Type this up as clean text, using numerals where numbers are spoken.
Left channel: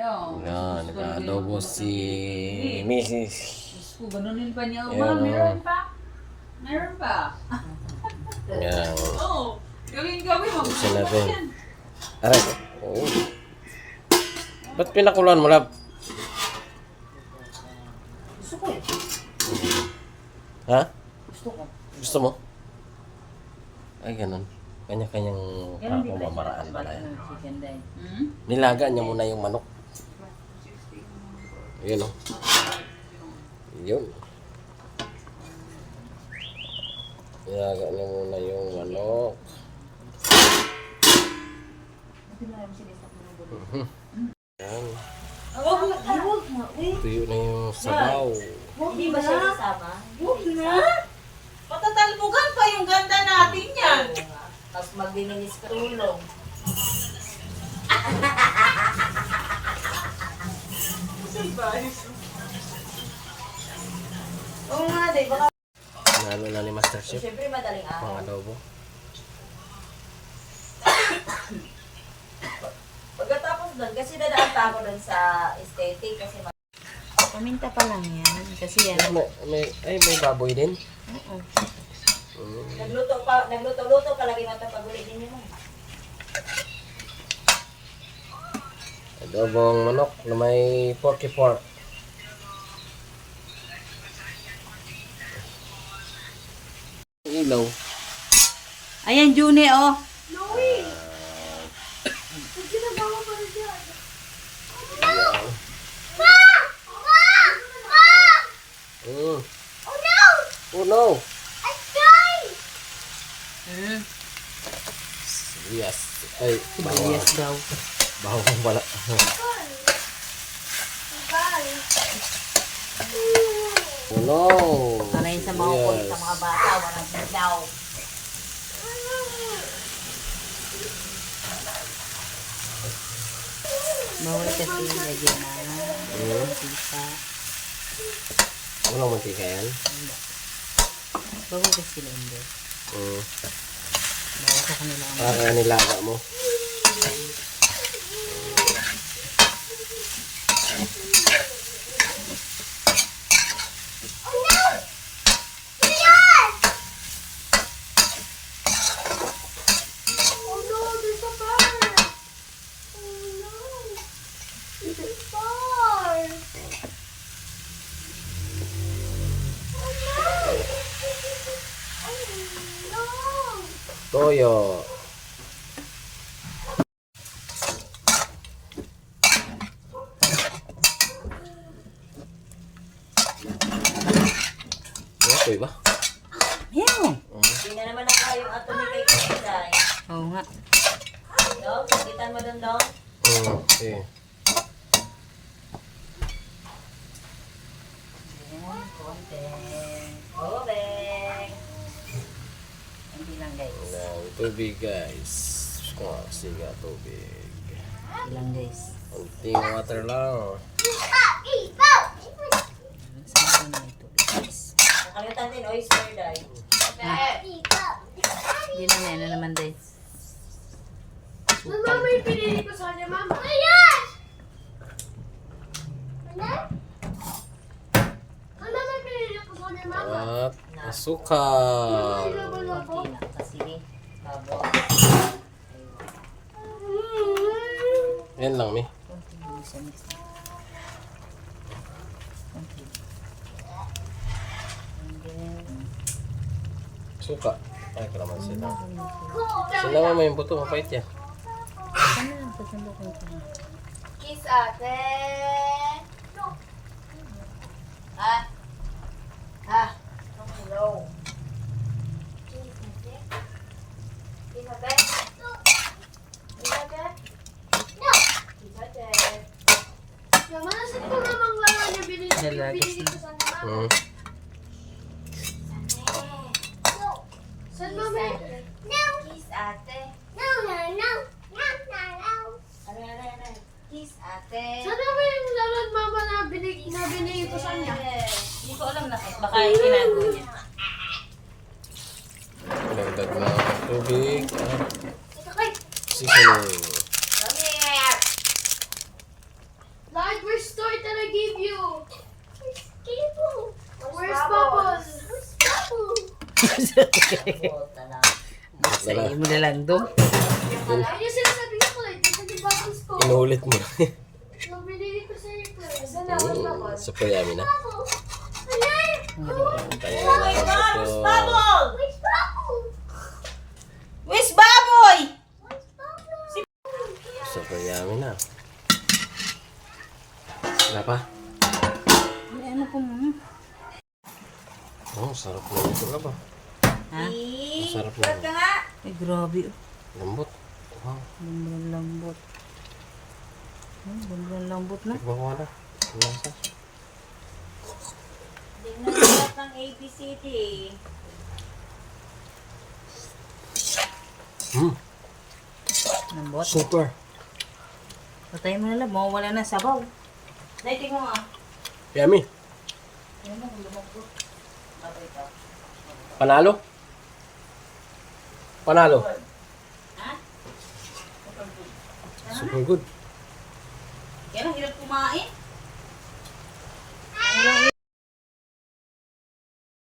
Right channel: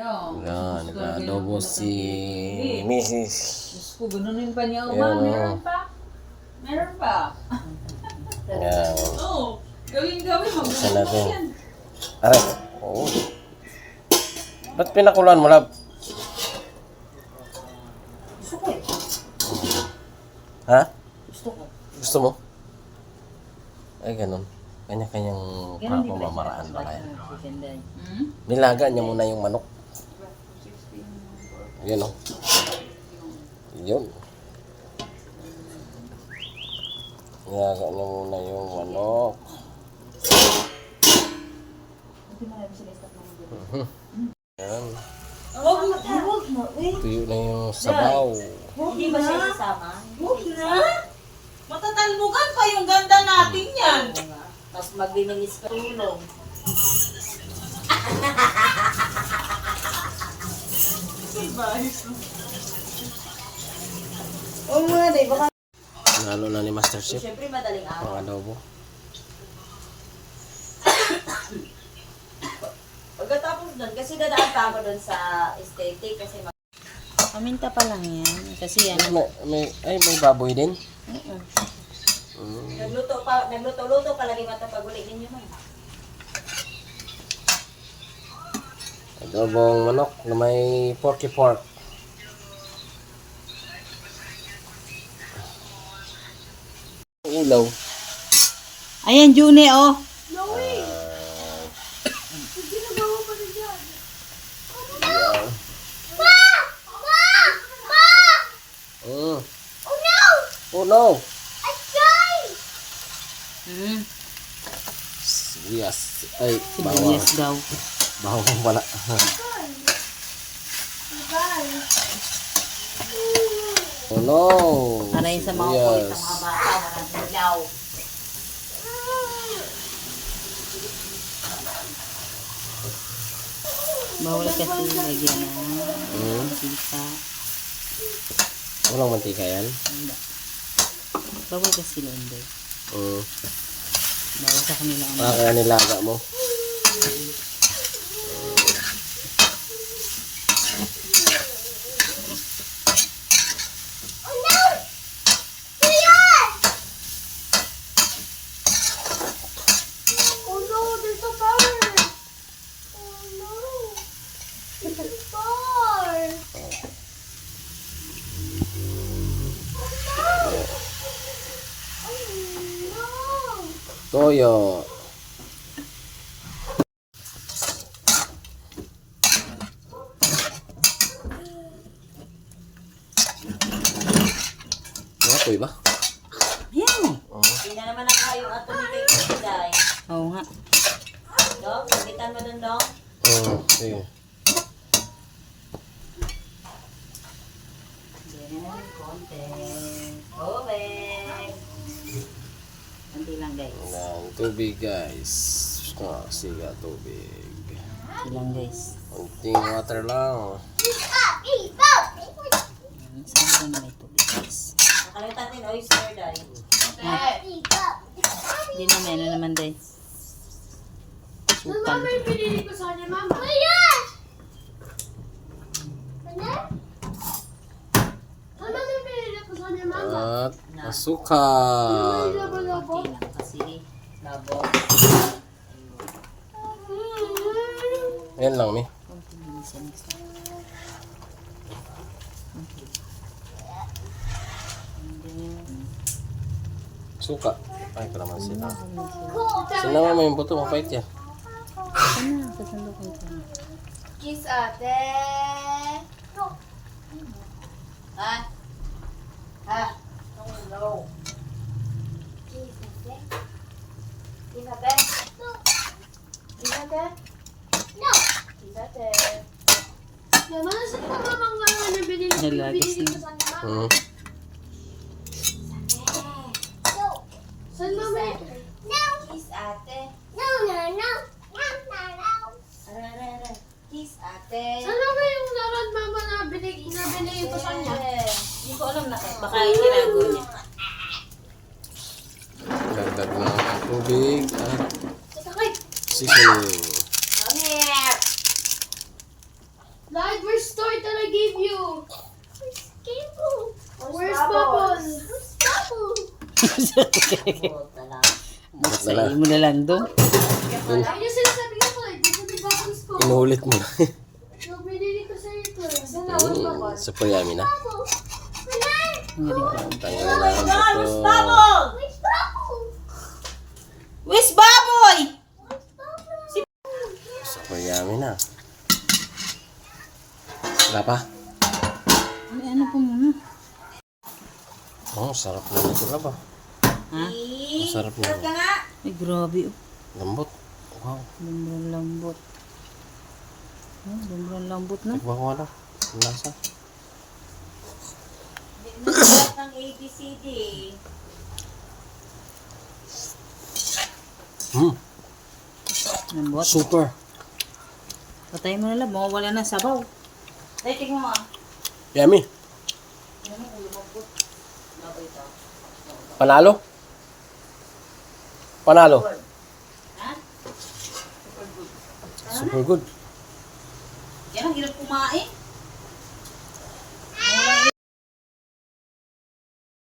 Yan, nag-adobo si Mrs. Diyos ko, ganunin pa niya. Yan, Meron pa. Meron pa. Yan. Oo. Gawin-gawin. Isa na Magbubukas din. yan. Aray. Oo. Ba't pinakulan mo, lab? Gusto ko eh. Ha? Gusto ko. Gusto mo? Ay, ganun. Kanya-kanyang Ganun din pamamaraan ba kaya? Hmm? Nilaga niya muna yung manok. Yun, oh. Yun. Nilaga niya muna yung manok. Yan. Huwag na. Tuyo na yung sabaw. Hindi ba siya isama? Huwag na. Matatalbugan pa yung ganda natin yan. Tapos magbinilis ka tulong. Oo nga, di ba? Nalo na ni Master Chef. Siyempre madaling araw. Mga adobo. Pagkatapos doon, kasi dadaan pa ako doon sa aesthetic kasi Paminta pa lang yan. Kasi yan. May baboy din. Oo. nagluto-luto palagi matapaguli din yun. Adobong manok na may porky pork. Ilaw. Ayan, June, oh. Oh no! Hmm. Yes. Ay, Sibuyas daw. bawang pala. Oh no! Para yun sa mga kulit sa mga bata, walang bilaw. Bawal kasi lagyan na mantika. Walang mantika yan? Bawal kasi sila hindi. Bawal sa kanila ang Kaya nilaga mo. Toyo. Okay ba? Yan. Hindi na naman ako yung ato ni kay Kuday. Oo nga. No? Kapitan mo doon, Dong? Sige. Hindi lang guys. Ng tubig guys. Siga tubig. Hindi lang guys. Kunting water lang. Saan ba may tubig guys? Nakalimutan din oyster, Day. Hindi na may ano naman guys. Sukal. May pinili ko sa kanya, Mama. Ayan! Ano may pinili ko sa kanya, Mama? At asukal. Konti lang kasi Babo. Yan lang, mi. konti lang siya mix. Konti. And then, Suka. Ay, kalaman sila. Sinama mo yung buto, mapait yan. sana, sasando ko ito. Kiss ate. Ha? Ha? Hello. Kiss ate. Kiss ate. Kiss ate. No. Kiss ate. Mama, saan pa namang laro na binili Nalagas ko na. sa kanya, Mama? Saan, Mama? No. Kiss ate. No, no, no. No, no, no. Are. Kiss ate. Saan ba yung laro at Mama na binili ko sa kanya? Hindi ko alam na kahit baka itinago niya. Dagdag ng tubig. At Teka, kay. seasoning. Come here. give you? Where's Bubbles? Buta lang. Bakit na Sa mo na lang doon. Ayun yung sinasabi ko eh. Dito di Bubbles ko. Inuulit mo. So, binili ko sa ito eh. Super yummy na. Ang galing. Tayo Oh na my ang God, where's buto. Bubble? Where's Baboy? Super yummy na. Wala pa? May ano po muna? Oh, sarap na nito na ba? Ha? Masarap na. Sarap ka nga. Ay, grabe. Oh. Lambot. Wow. Lumbrang lambot. Lumbrang lambot na. Tikman ko na. Ang lasa. Tingnan mo lahat ng ABCD. Lambot. Super. Patay mo na lang. Mawawala na sabaw. Dahil tingnan mo ah. Yummy. Baboy ito. Panalo? Panalo. Ha? Super good. Yan ang hirap kumain.